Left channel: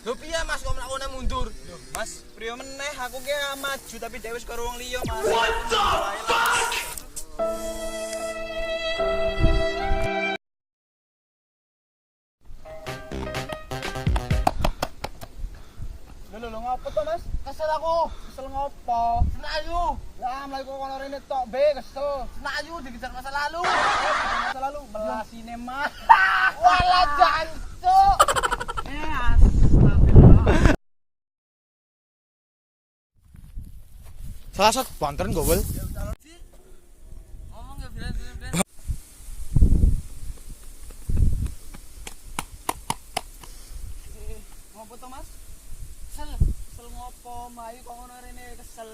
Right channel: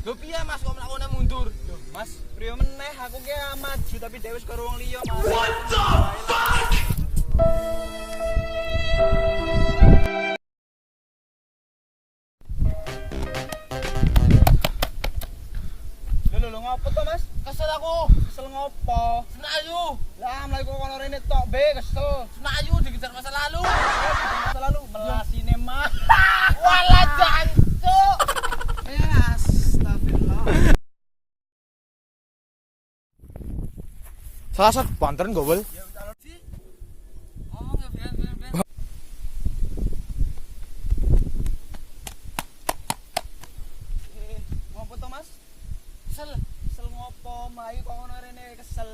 Lho piye Mas kok mlakune mundur? Loh, Mas, priyo meneh aku ki maju tapi dhewe wis karo wong liya, Mas. What the fuck? Lho ngopo to, Mas? Kesel aku. Kesel ngopo? Senayu. Lah mlaku kono rene tok be kesel. Senayu dikejar masa lalu. Masa lalu melasine mah. Walah jancuk. Astagfirullah. Salah satu banteran gobel. Ngomong ya Bian. Ngopo to, Mas? Kesel. Kesel ngopo? Mlayu kok ngono rene kesel.